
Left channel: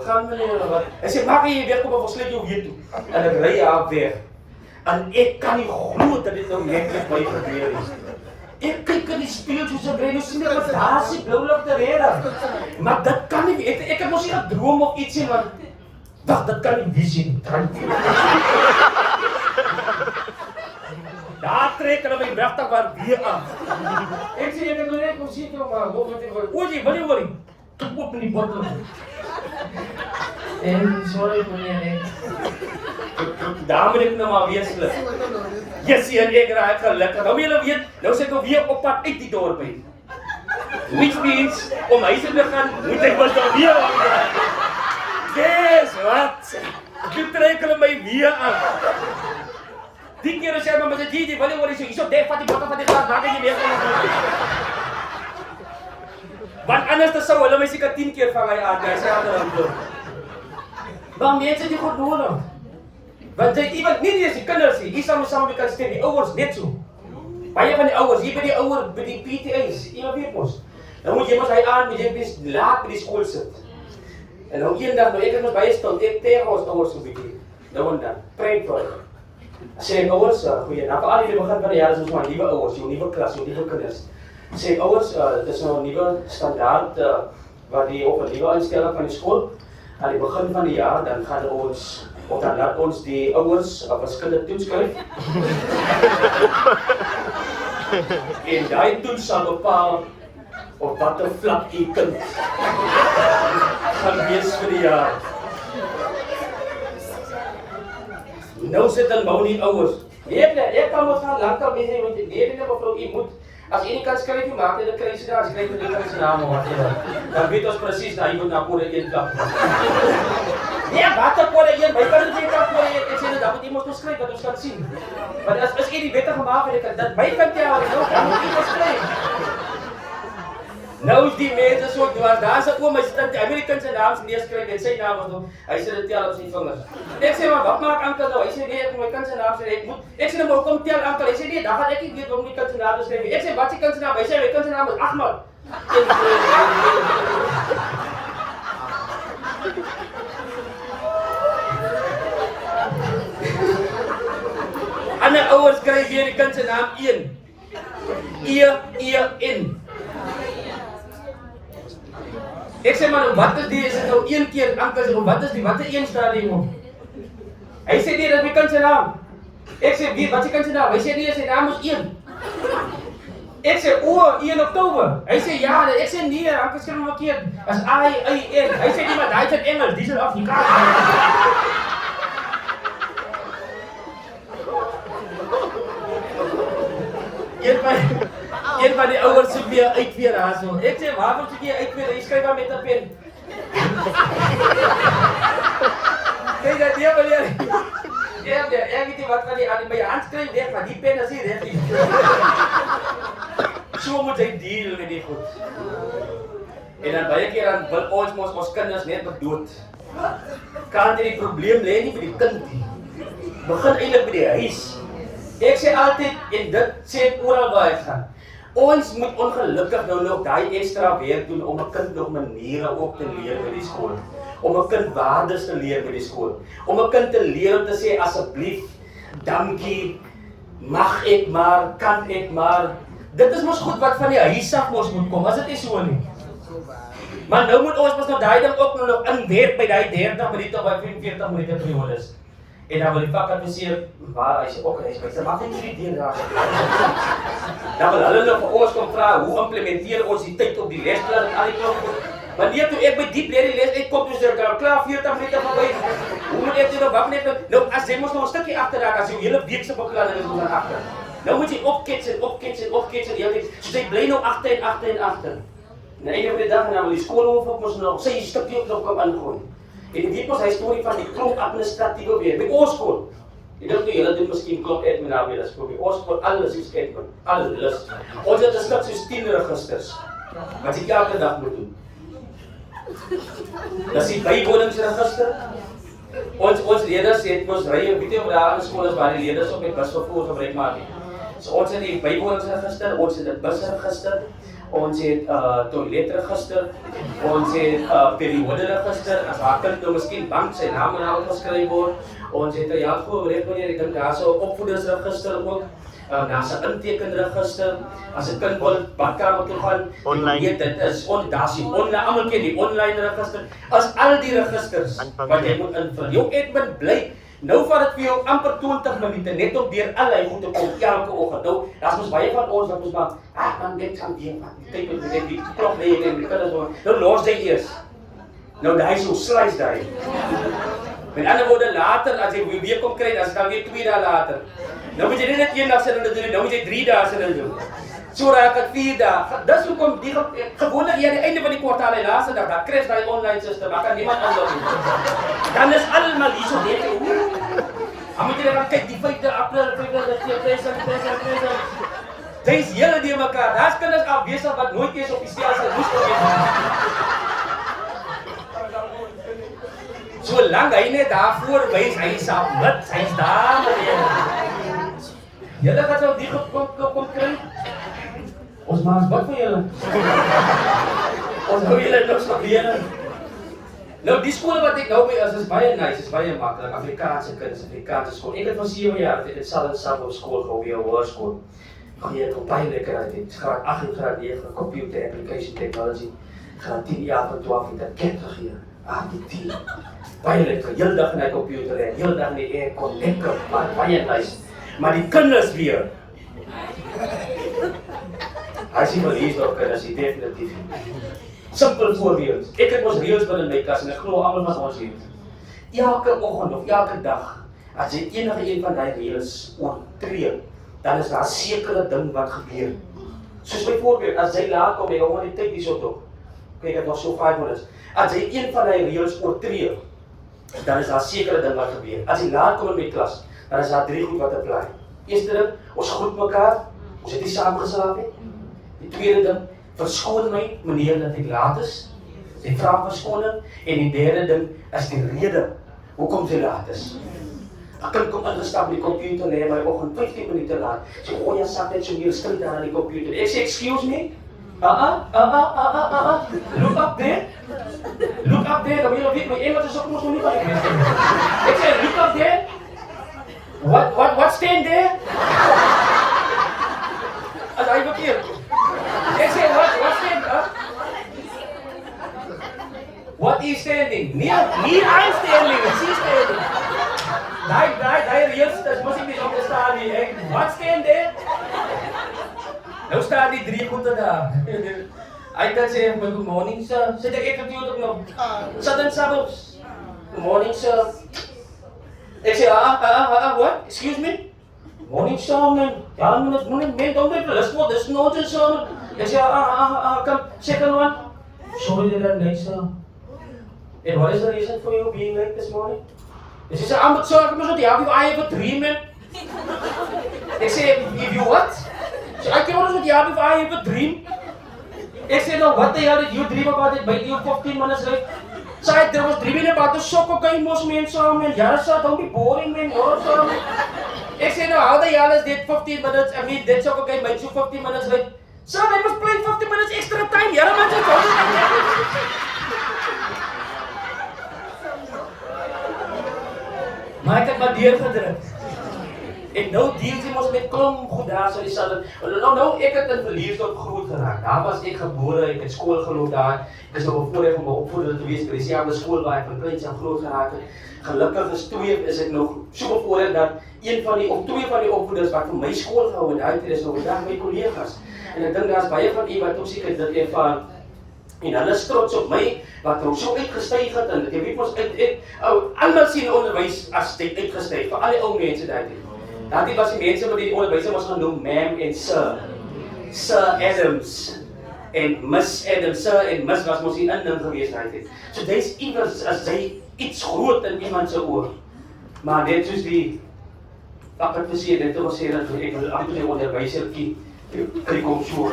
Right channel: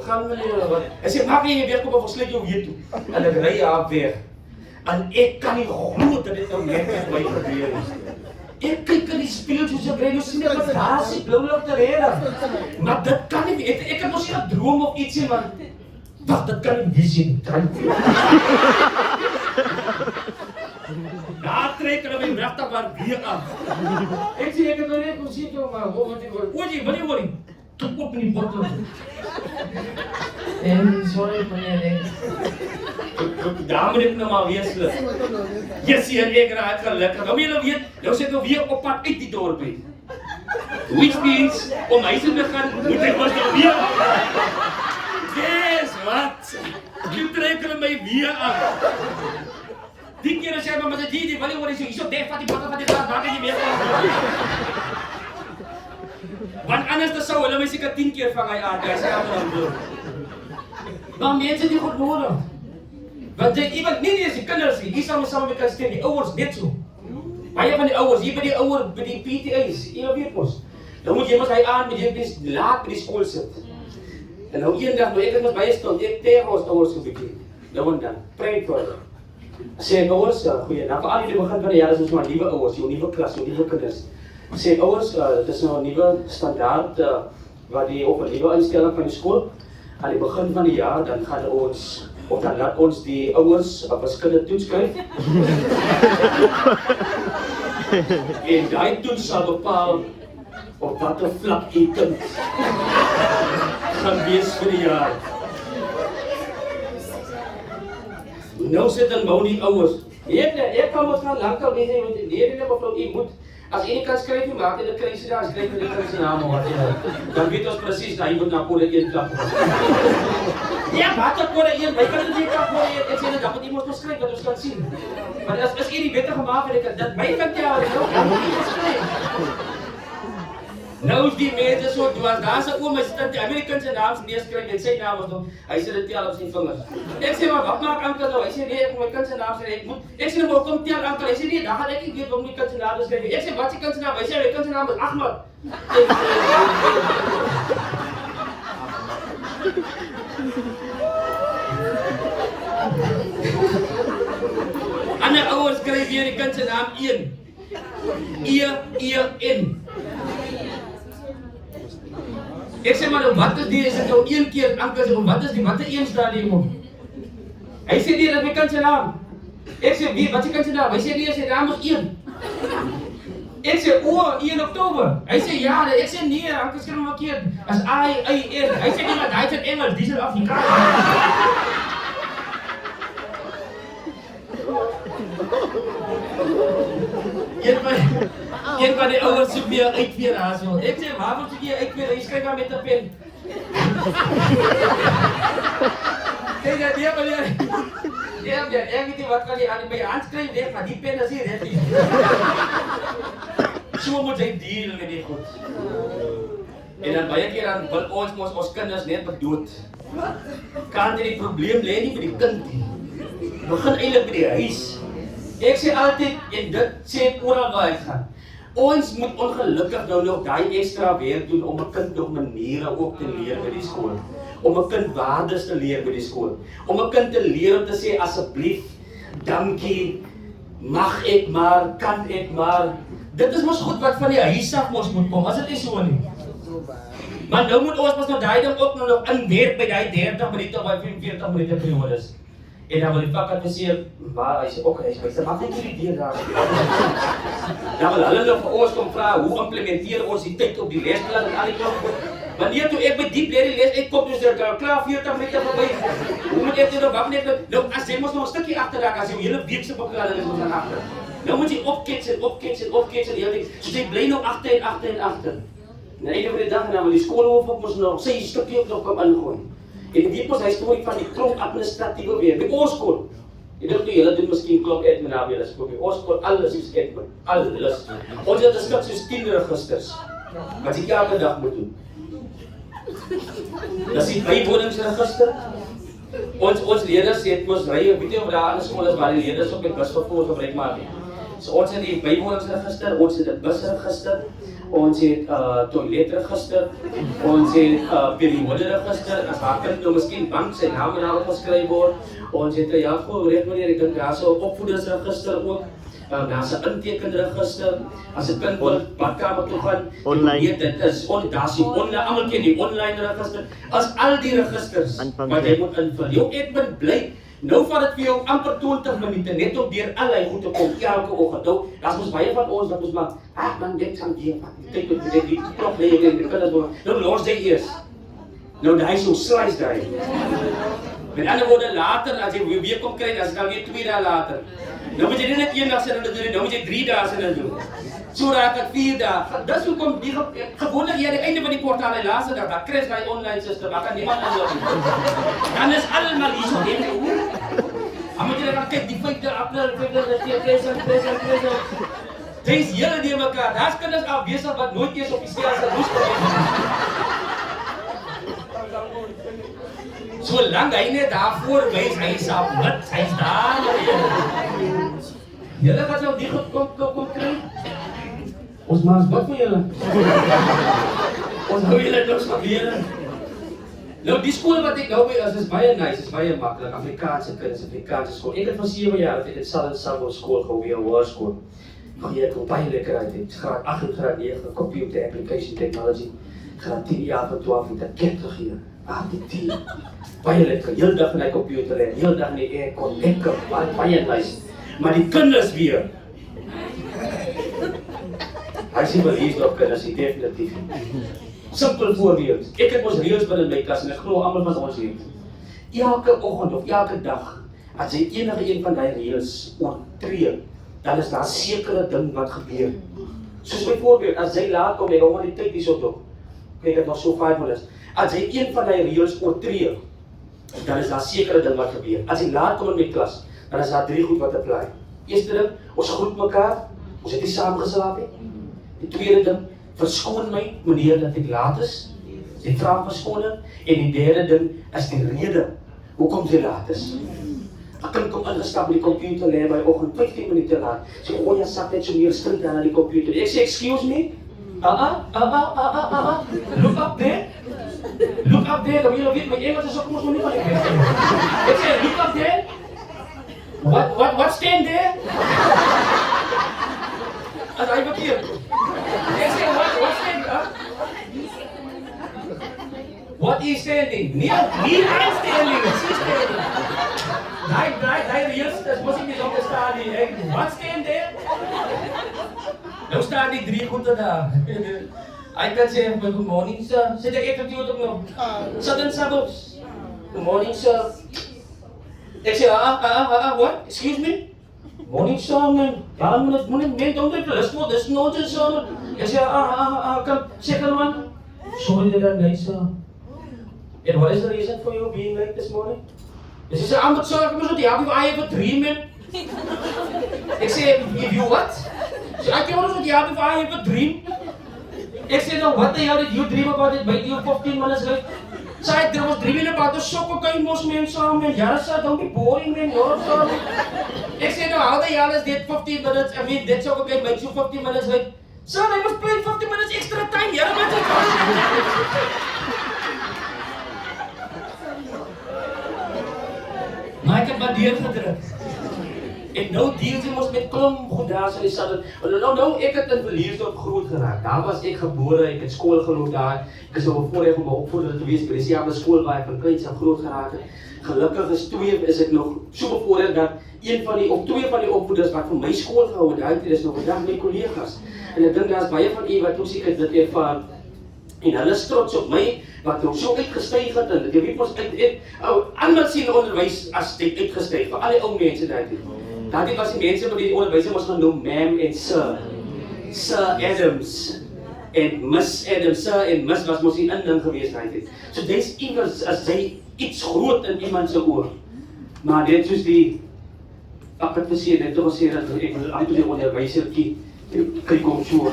gaan meneer wat. Hy sê, "Maak jy weg kom of sleep jou hier toe." En ek ry af weg. En ek kan nie glo dat dit nou net met my gebeur het. Ek kyk in die spieël soos 'n brein, sien ek wat daar is, blou ligte rede. Maar dit kan nie, ek het mos nie 'n droom of ietsie want wag, dit kan nie wees nie. Daar trek hulle my wegtig waar weer aan. Ek sê ek het net kom sien maar hoe moet ek oor jy worry. Kom op in die bottel. En sorry meneer. Daar moet ek nou maar weer slit. Jessie en ek raak gelukkig. Nou julle weet, nou sit ek nou weer op pad uit die dorp uit. Which means om huis te gaan, moet ek mos nou weer. Guess wat? Die trek hulle my weer aan. Die keer as jy maar met die wil jy worry, so dek vat die bottel van die glas, maak jy weer. Want anders sou hulle my seker 10 keer vang hy aan, hy sê ander aan doen. Maar mense die goed nodig. Want jy iemand nie eens die kinders nie, die sal saam met kan stem, die ouers net so. Baie van die ouers, hier by die ouer by die PTA's, jy weet mos. Dan moet jy mos hy aan met jy mens laat by die skool sit. En nou eendag nou ek het mos baie stil, ek tegen ons ouers so bietjie. Nou en dan, prank vir hulle. Sê ouers, goeie, nou vir al die begin van die jaar is ons maar nuwe ouers, jou nuwe klas, jou nuwe kinders. Sê ouers, dit is nou 'n nuwe standaard wat die op 'n nuwe instelling van die skool. Aan die begin van die jaar dan gaan ons of dan laat ons die ouers verskillende toets skryf. En daai toets sal bepaal op watter vlak u kind gaan wees vir die jaar. Nou sit dan nou die ouers. Nee, ek kan mos gaan lekker wees want nee mevrou u moet as jy kan skryf jy maak dit kry jy daar skryf jy kan sy naam op. Dan weet ons presies dat jy moet na kode 1 klap. Ja, wat op kode 1, jy kan dit nie kan kode 1 ek sê dit dan moet jy mos skryf wat ons kan sien. Want as jy die wette gemaak het ek dit my kan jy al dan moet jy skryf. Nou is die mense so dwaas, daar's 'n oom, hy sit in die Amerikaanse naam neerskryf en sy naam is hy sit dit tel op sy vingers. Ek sê maar wat maak Ankel nou? Hy sê nee, ek moet my kind se naam sê ek moet. Ek sê nou kom tel Ankel. Hy sê nee, dan gaan ek nie weet hoe om die kind se naam te skryf nie. Ek sê wat se kind se naam? Hy sê my kind se naam is Ahmad. Ander ouers skryf weer die kind se naam 1. E-E-N. Ek sê maar wat is die, is dit nou 1 keer Ankel sê, wat is die, wat is 1 staan hier nog? Hy sê nee, dat is die kind se naam. Ek sê wie, wat is die kind se naam? Hy sê nee, sy naam is 1. Ek sê 1 Oktober. Hy sê ja, ek sê nee, Ankel skryf hom verkeerd. As I-I-N. Hy sê nie maar daai is Engels, dis is Afrikaans. Een van die ouers soek weer uit weer daar so. Ek sê, waarvoor soek jy uit weer? Jy skryf maar met 'n pen. Sê dat jy meneer. Ek weet nie wat van die aan my hand skryf weg, maar die pen is nie reg nie. So moet jy deel met die goed. En dan baie keer dan wil ons kinders net dood. Kan jy die probleem lê nie by die kind nie. Begin eintlik by die huis. Ek sê altyd en dit sê ek oral waar ek gaan. Ons moet ongelukkig nou nog daai ekstra werk doen om 'n kind nog maniere op te leer by die skool. om 'n kind waardes te leer by die skool. Om 'n kind te leer om te sê asseblief, dankie, mag ek maar, kan ek maar. Dit is mos goed wat van die huis af mos moet kom, as dit nie so nie. Maar nou moet ons mos nou daai ding ook nog inwerk by daai 30 minute of 45 minute periodes. En dan wil die fakulteiseur, waar hy sê, hy sê, maak net nie die raas. Dan wil hulle nog vir ons kom vra, hoe implementeer ons die tyd op die lesplan en al die klok. Wanneer toe ek by diep leer die les uitkom, dus er klaar 40 minute voorbij. Hoe moet ek nou wak net, nou as jy mos nog 'n stukkie agterraak, as jy hele week se beplanning is dan agter. Nou moet jy opketsen, so jy bly nou agter en agter. En einde van die dag, nou die skoolhoof moes nou sy stukkie op nog kom ingooi. En dit was hy storie van die klomp administratiewe weer, by ons skool. Ek dink nie, julle doen miskien klomp admin weer, ons skool, alles is admin, alles. Ons het 'n stuk soos 10 registers, wat jy elke dag moet doen. Dat is die bywoningsregister. Ons leerders het ons ry, weet jy of daar aan skool is waar die leerders op die bus of voor gebruik maak nie. So ons het die bywoningsregister, ons het 'n busregister, ons het toiletregister, ons het perioderegister, as haar kind nou miskien bank sy naam en al geskryf word, ons het 'n ek dink daar is 'n opvoedersregister ook. Daar's 'n intekenregister. As 'n kind wil badkamer toe gaan, weet dit is daar's die online, almal ken die online register. As al die registers wat jy moet invul. Jou admin bly. Nou vat dit vir jou amper 20 minute net om deur al hy goed te kom elke oggend. Nou, daar's mos baie van ons wat ons maar, man dit kan die tyd op die klok lê en die kinders doen. Nou los jy eers. Nou daai so slice daai. Met ander woorde later as jy weer kom kry, dan is dit dan weer 2 dae later. Nou moet jy nie net 1 dag sit en dit doen, nou moet jy 3 dae sit en doen. So raak dit 4 dae. Dis hoekom die gewoonlik hier aan die einde van die kwartaal, die laaste dag, dan kry jy online system, dan kan niemand inlog nie. Dan is almal hier so dink. Dan moet jy dan kyk die 5de April, 5de present. Dis hele die mekaar. Daar's kinders afwesig wat nooit eens op die stelsel moes gewees het. Solank hy net daarvoor wys, hy submit, hy's daar maar. Julle gaan nou die kom kry. Ons maak wat vir julle. Ons hou julle nog so leer. Nou die skool wat ek nou by is baie nice, is baie maklik. Afrikaanse kinders, Afrikaanse skool. Ek het van 7 jaar dit sal skool gehou hier hoërskool. Jy het baie lekker uit. Graad 8 en graad 9 computer application technology. Graad 10 jaar tot 12 het ek hier. Die baie lekker. Heel dag na die computer en heel dag die aircon lekker, baie nice. Maar die kinders weer. As jy wil hier op kinders, definitief. Simpel voorbeeld. Ek het ons reëls binne my klas en ek glo almal was ons hier. Elke oggend of elke dag, as jy enige een van daai reëls oortree, dan is daar 'n sekere ding wat gebeur. Soos byvoorbeeld, as jy laat kom, jy hom die tyd hierso toe. Kyk, dit was so 5 minute. As jy een van die reëls oortree, dan is daar 'n sekere ding wat gebeur. As jy laat kom in die klas, dan is daar 3 goed wat apply. Eerste ding, ons groet mekaar, ons het nie saamgeslaap nie. Die tweede ding, verskoon my meneer dat ek laat is. Jy vra verskoning. En die derde ding is die rede hoekom jy laat is. 'n Kind kom ingestap met die computer lê my oggend 15 minute laat. Sê jy sak net so meer skrif aan die computer. Ek sê excuse me. Look up there. Look up there. Dan wil jy weet my Engels is ook nog nie. Ek sê look up there. What stand there? As hy verkeerd. Ek sê what stand there? What is standing? Nie I'm standing, she's standing. Daai reëls, dis mos nie om te staan nie. What stand there? Nou staan die 3 goede daar. Hy kan sê, good morning sir. Sit ek natuurlijk nog. Sudden suburbs. Good morning sir. Ek sê, what? Excuse me? Morning sir, man. Ja, man, don't do this for this notice sir. Ek sê, come, second one. Sorry that I'm late sir. And what is the reason for you being late this morning? He says, sir, I have a dream, man. Ek sê, if you what? So I came out with if I have a dream. Ek sê, no, what the hell did you dream about it? By you 15 minutes late. So there was dreaming about the soccer game, most men, sir, man. Yeah, sir, don't be boring, man. Ek sê, no, how the hell is that 15 minutes? I mean, that soccer game makes you 15 minutes late. Sir, they must play 15 minutes extra time. Yeah, man, maar deurgedruk. En nou deel jy mos met klomp goed daar so die sal. Nou ek het in Verliesdorp groot geraak. Daar was ek gebore, ek het skool geloop daar. Ek is nog voorheen om opvoeder te wees by dieselfde skool waar ek van kleins af groot geraak het. Gelukkig is ek nog so voorheen dat twee van die opvoeders wat vir my skool gehou het, is nog vandag my kollegas. En ek dink daar is baie van u wat ook seker dit ervaar. En hulle is trots op my, wat ons so uitgestyg het, en jy weet ons almal sien onderwys as dit uitgestyg, vir al die ou mense daar. Daarby was die mense wat die onderwyser ons genoem, ma'am en sir. Sir Adams en Miss Adams, sir en Miss was mos die inning gewees daar. So dis iewers as jy iets groot in iemand se oor. Maar net soos die wat ek gesê het, dit was sê dat ek wil amper die onderwysertjie kry kom so.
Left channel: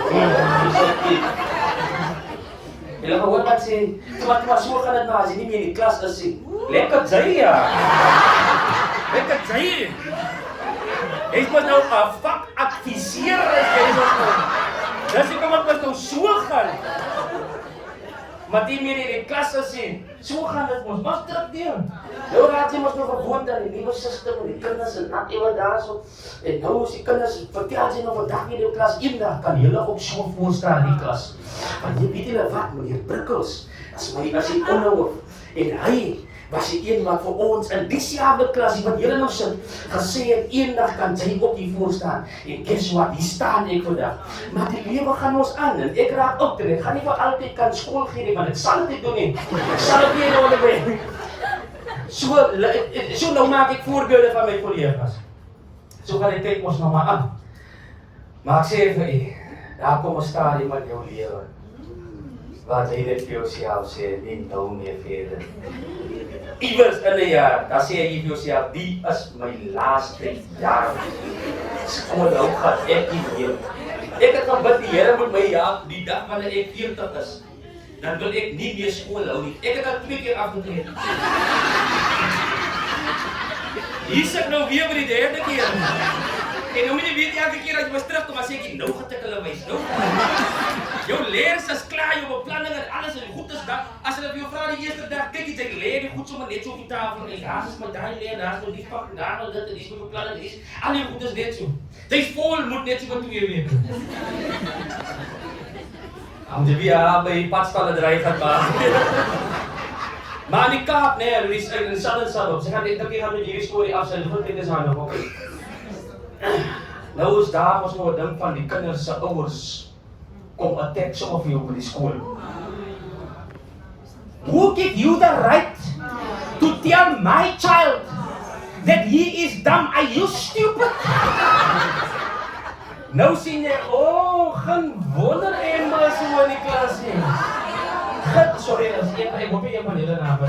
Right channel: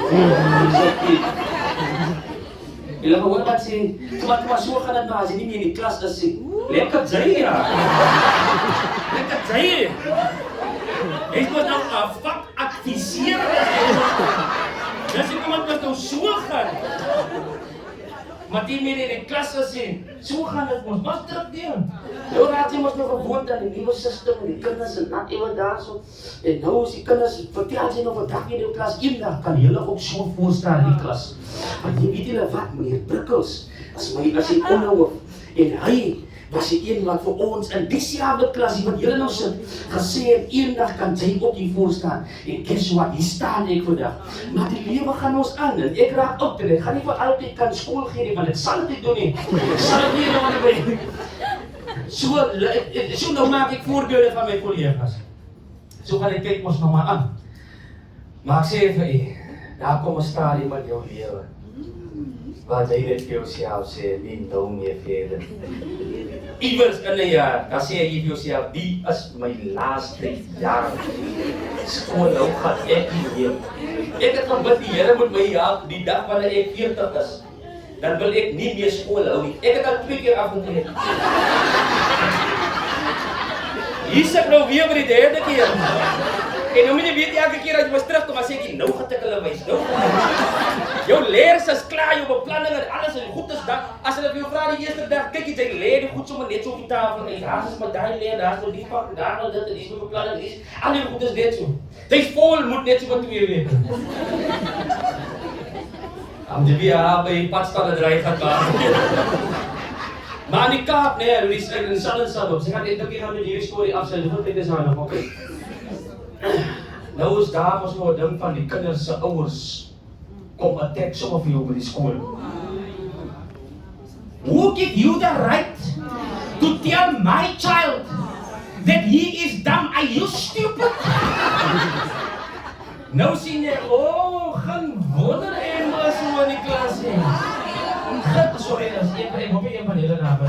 Jy laat hoor wat sê, maar so gaan dit maar as jy nie meer in die klas is nie. Lekker jy ja. Lekker jy. Hy is nou 'n vakadviseur dis ek moet nou so gaan. Maar die meer in die klas is nie. So gaan dit ons mas terugdeel. Nou raak jy mos nog gewoond aan die nuwe sisteem en die kinders en dat iemand daar so. En nou is die kinders vertel jy nog vandag in die klas eendag kan julle ook so voorstaan in die klas. Want jy weet julle wat meneer Prikkels as hy onhou en hy was die een wat vir ons in dieselfde klas wat julle nou sit gesê het eendag kan jy ook hier voor staan. En guess what, hier staan ek vandag. Maar die lewe gaan ons aan en ek raak op en ek gaan nie vir altyd kan skool gee nie, maar ek sal dit doen nie. Ek sal dit nie doen nie. So nou maak ek voorbeelde van my kollegas. So gaan die tyd ons nou maar aan. Maar ek sê vir u, daar kom 'n stadium in jou lewe waar jy dit vir jouself sê, nie nou meer verder. Iewers in 'n jaar, dan sê jy vir jouself, die is my laaste jaar. Skool hou gaan ek nie weer. Ek het gebid die Here moet my help die dag wanneer ek 40 is. Dan wil ek nie meer skool hou nie. Ek het al 2 keer afgetree. Hier sit nou weer vir die 3de keer. En nou moet jy weet elke keer as jy moet terugkom, as ek nou gaan ek hulle wys. Nou. Jou leerders is klaar, jou beplanning en alles is goed is dat. As hulle vir jou vra die eerste dag, kyk jy leer die goed sommer net so op die tafel. En daar is my daai leer, daar is nou die pak, daar nou dit en dis my beplanning is. Al die goed is net so. Dis vol moet net so wat jy weet. Om die via by padstalle dryf gaan maar. Maar in die Kaap, nee, er is in Salop. Ze gaan die hier storie afsluiten, want dit is nou nog. Nou is daar ons nou dink van die kinders se ouers kom attack some of you by die skool. Who give you the right to tell my child that he is dumb? Are you stupid? Nou sien jy, geen wonder eenmaal so in die klas nie. Sorry, ek hoop jy maar hierdie naam.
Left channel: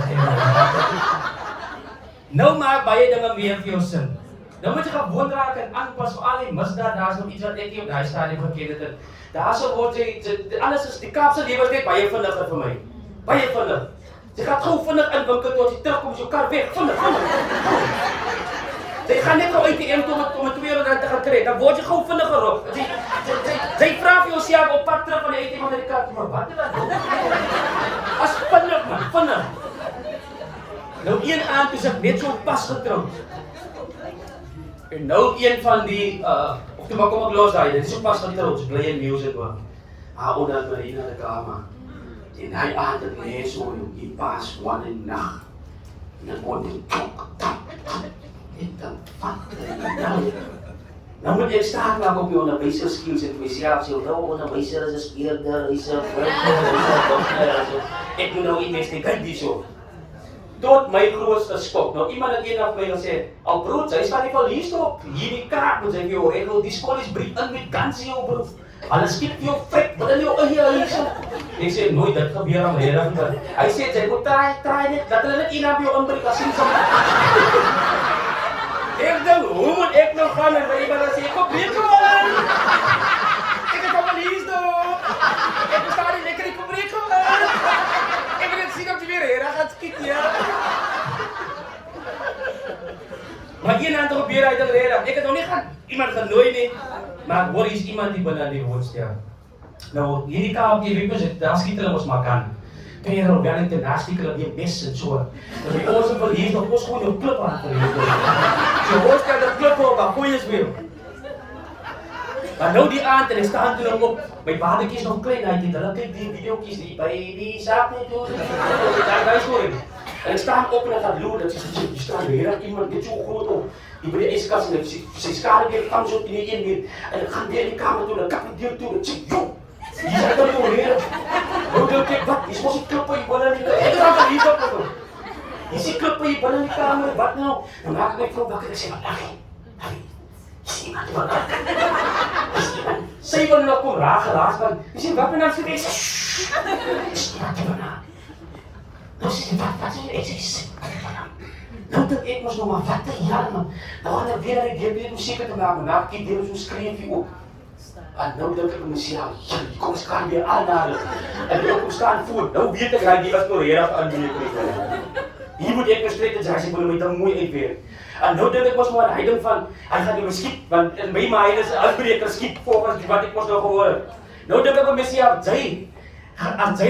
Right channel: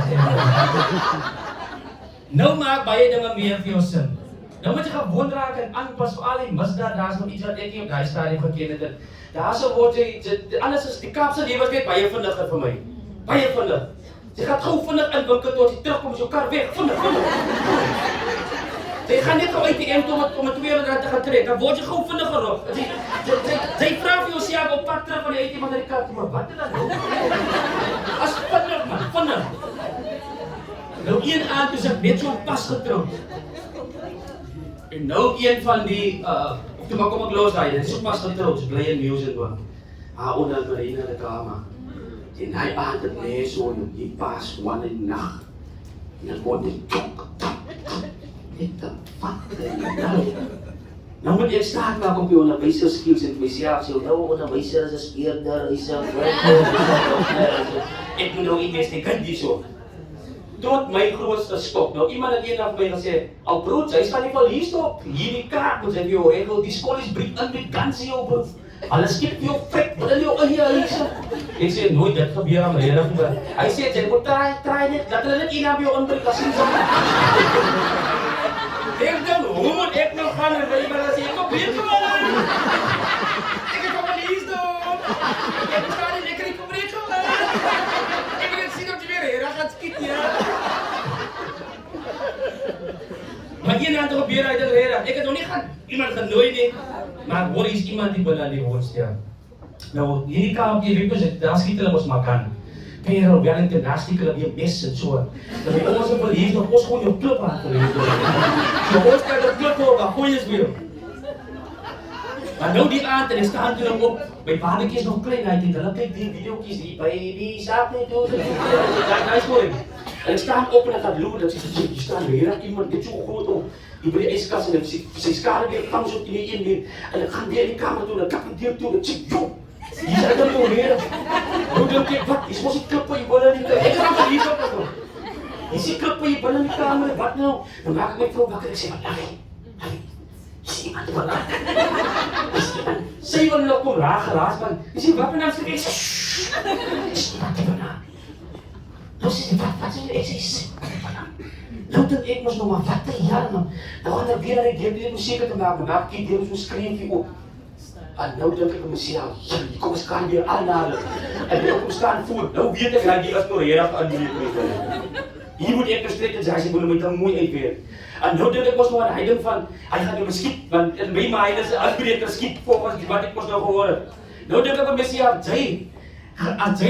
Nou maak baie dinge meer vir jou sin. Nou moet jy gewoon raak en aanpas vir al die misdaad, daar is nog iets wat ek nie op daai stadium geken het. Daar sou word jy, alles is, die Kaapse lewe is net baie vinniger vir my. Baie vinnig. Jy gaan gou vinnig in winkel tot jy terugkom, so kar weg, vinnig. Jy gaan net gou uit die M om 'n 200 te gaan kry, dan word jy gou vinniger op. Jy vra vir jouself op pad terug van die uit die kar, maar wat is dit? As vinnig man, vinnig. Nou een aand is ek net so pas getroud. En nou een van die, of toe maar kom ek los daai, dit is so pas getroud, bly in music hoor. Haar onder die in die kamer. En hy aand het net so die pas wat in nag. En dan word dit tok. Nou moet jy staan dan op jou onderwyser skills en myself sê, nou onderwyser is 'n speurder, hy sê, ek moet nou investigate die so. Tot my grootste skok. Nou iemand het eendag by my gesê, "Al brood, jy staan nie van hier stop. Hierdie kaart moet jy vir jou regel, die skool is brief in met guns in jou broek. Hulle skiet jou fek, wat in jou hier so." Ek sê nooit dit gebeur aan rede. Hy sê jy moet try net dat hulle net een op jou inbreek as sien so. Ek dink, hoe moet ek nou gaan en jy maar sê, "Kom breek jou aan." Ek het van hier stop. Ek staan nie lekker kom breek jou aan. Ek wil net sien of jy weer hier gaan skiet ja. Maar een ander gebeur uit die rede. Ek het nog nie iemand genooi nie. Maar hoor is iemand die binne die woonstel. Nou, hierdie kampie weet ons, daar skiet hulle ons maar kan. Pero Wellington hartstikke dat die mes en so. Maar ons wil hier nog ons gewoon jou klip aan te so ons kan die klip op, maar gooi is weer. Maar nou die aand en ek staan toe nou op, my babatjie is nog klein, hy het hulle kyk die videoetjies die by die saak net hoor. Daai storie. En ek staan op en ek gaan loer, dat jy staan weer iemand dit so groot op. Die by die yskas en sy skare weer kan so in die een weer. En ek gaan weer in die kamer toe, en kap die deur toe, en sê, joh! Hier is ek al weer. Nou dink ek, wat? Hier is mos die klip by die binne in die kamer. Ek gaan van hier op gekom. Hier is die klip by die binne in die kamer, wat nou? En maak my vrou wakker, ek sê, wat? Sê, wat? Sy wil nou kom raas van. Jy sê, wat nou sê? Wat is nou dink ek mos nog maar wat ja man. Nou gaan ek weer die musiek te maak, maar ek weer so skryf hier op. En nou dink ek myself, kom staan weer almal. En ek kom staan voor. Nou weet ek dat jy was nog reg aan die kry. Hier moet ek strek en sê moet my dan mooi uitweer. En nou dink ek mos maar hy dink van hy gaan die musiek want in my mind is 'n uitbreker skiep volgens wat ek mos nou gehoor het. Nou dink ek by myself, jy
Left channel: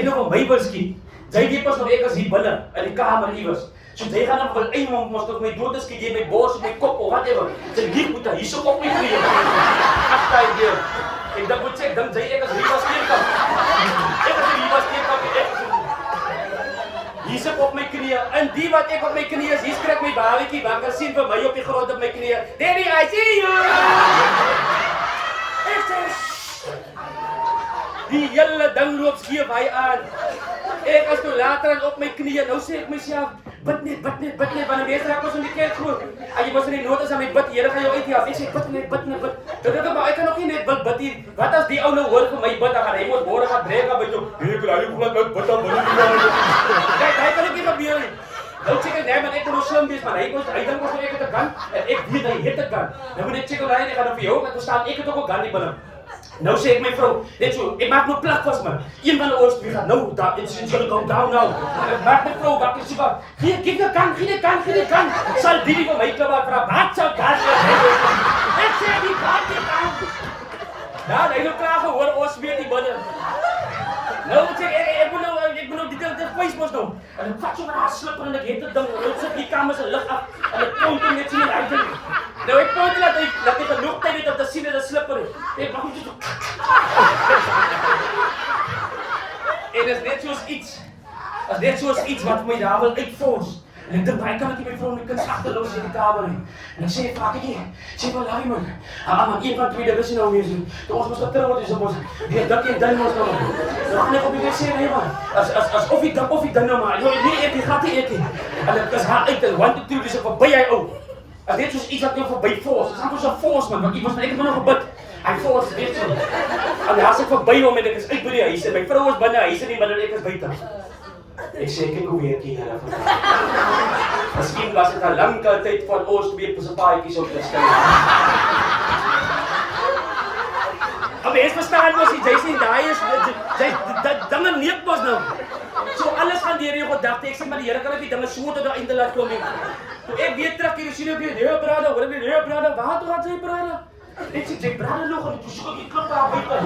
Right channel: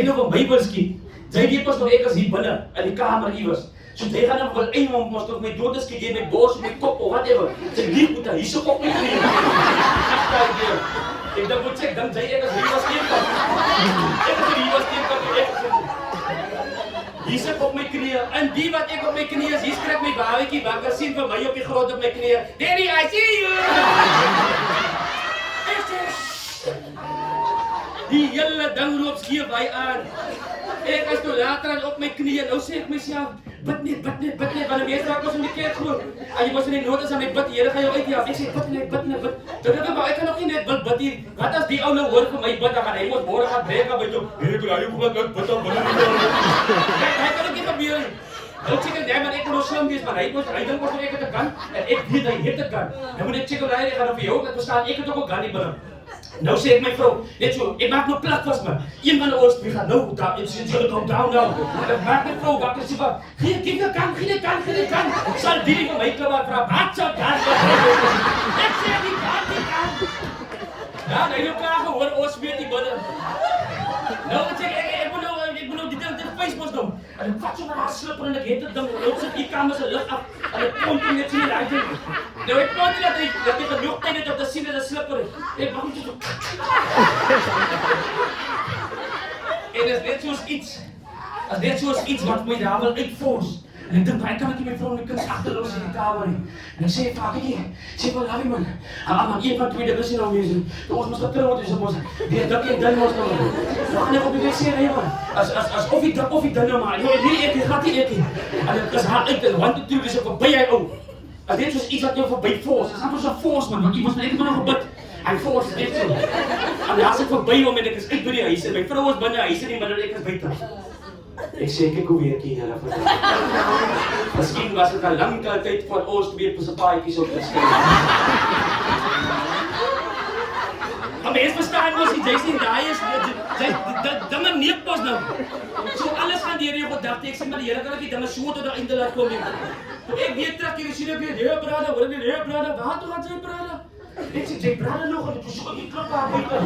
nou van my wil skiep. Jy weet pas nog ek as hier binne in die kamer iewers. So jy gaan dan wil eintlik mos tot my dood is gee my bors op my kop of whatever. Sy lief moet hy so op my knie. Ag daai deur. Ek dink moet check dan jy ek as hier was skien kan. Ek as hier was skien kan ek. Hier sit op my knie en die wat ek op my knie is, hier skrik my babatjie wakker sien vir my op die grond op my knie. Daddy, I see you. Ek sê die hele ding loop skeef hy aan. Ek as toe later op my knie, nou sê ek myself, bid net, want die meester ek was in die kerk groot. En jy was in die notas aan my bid, die Here gaan jou uithelp. Ek sê, bid net. Dit maar ek kan ook nie net bid hier. Wat as die ou nou hoor vir my bid, dan gaan hy mos môre gaan breek aan by jou. Ek wil bid dan binne nie. Kyk, hy kan ook nie gebeur nie. Nou check ek, nee man, ek moet slim wees, man. Hy dink mos ek het 'n gun, en ek weet hy het 'n gun. Nou moet ek check hoe hy gaan vir jou, dat bestaan, ek het ook 'n gun nie binne. Nou sê ek my vrou, net so, ek maak nou plak vas man. Een van ons twee gaan nou daar en sien hulle gaan down nou. Ek maak my vrou wakker sê maar, gee die kan. Sal die vir my klap vra, wat sal gaan? Ek sê die kan. Nou, hy nou klaar gehoor ons weet nie binne. Nou sê ek moet nou die ding dit face mos nou. En ek vat so maar slipper en ek het dit ding, nou sit die kamer se lig af en ek kom toe net sien hy ding. Nou ek kon dat hy genoeg tyd het om te sien dat 'n slipper is. Ek nog nie so. En dit is net soos iets wat my daar wil uitfors. En ek dink baie kan ek my vrou my kind agterlos in die kamer nie. En ek sê pakkie, sê vir laai man. Man een van twee dinge is nou weer so. Ons moet getrou word so mos. Weer dak en dan mos nou. Nou net op die sê nee man. As of die dan nou maar. Nee ek gaan nie eet nie. En dit is hard uit en 1 to 2 dis op verby hy ou. As dit soos iets wat jou verby fors. Dis amper so 'n fors man, want ek het nou gebid. Hy fors net so. En as ek verby hom en ek is uit by die huis en my vrou is binne, hy is in die middel ek is buite. Ek sê ek hoe weet jy nou. Miskien was dit 'n lang tyd van ons twee se paadjies op te skry. Maar mens verstaan mos jy sien daai is dinge neek mos nou. So alles gaan deur jou gedagte. Ek sê maar die Here kan ook die dinge so tot 'n einde laat kom nie. Toe ek weer terug hier sien ek weer brada, hoor ek brada, waar toe gaan jy brada? Ek sê jy brada nog en ek sê ek klop daar buite.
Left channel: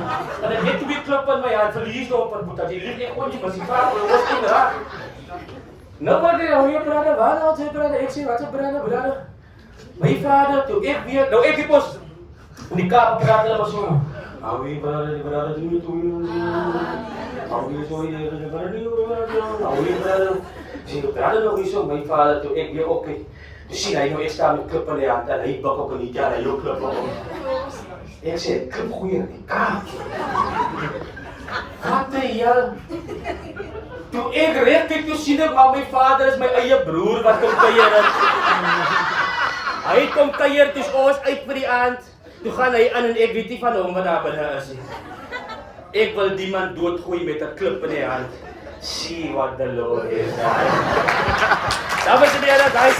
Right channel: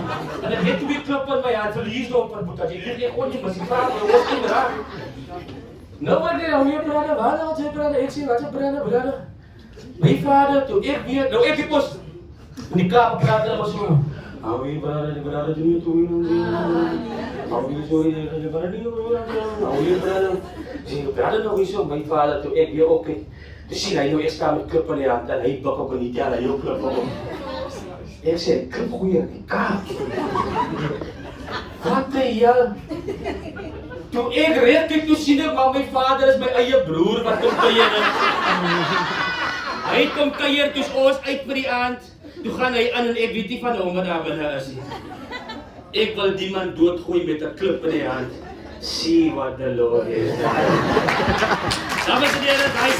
En ek het twee klip in my hand, verlies nou op 'n boek. Jy lig ek kon nie maar sy vra oor die raak. Nou wat jy hoe brada, waar nou jy brada? Ek sê wat jy brada? My brada toe ek weer, nou ek pos in die kamer praat hulle so. Nou jy brada doen toe. Nou jy sorry brada nou so my vader toe ek weer ook. Jy sien hy nou ek staan met klip in die hand en hy bak ook in die jare hy ook klip op. Ek sê klip goeie kaart. Wat jy toe ek reg kyk toe sien ek maar my vader is my eie broer wat kom kuier het. Hy kom kuier toe ons uit vir die aand. Toe gaan hy aan en ek weet nie van hom wat daar binne is nie. Ek wil die man doodgooi met 'n klip in die hand. See what the Lord is done. Dames en heren, daai is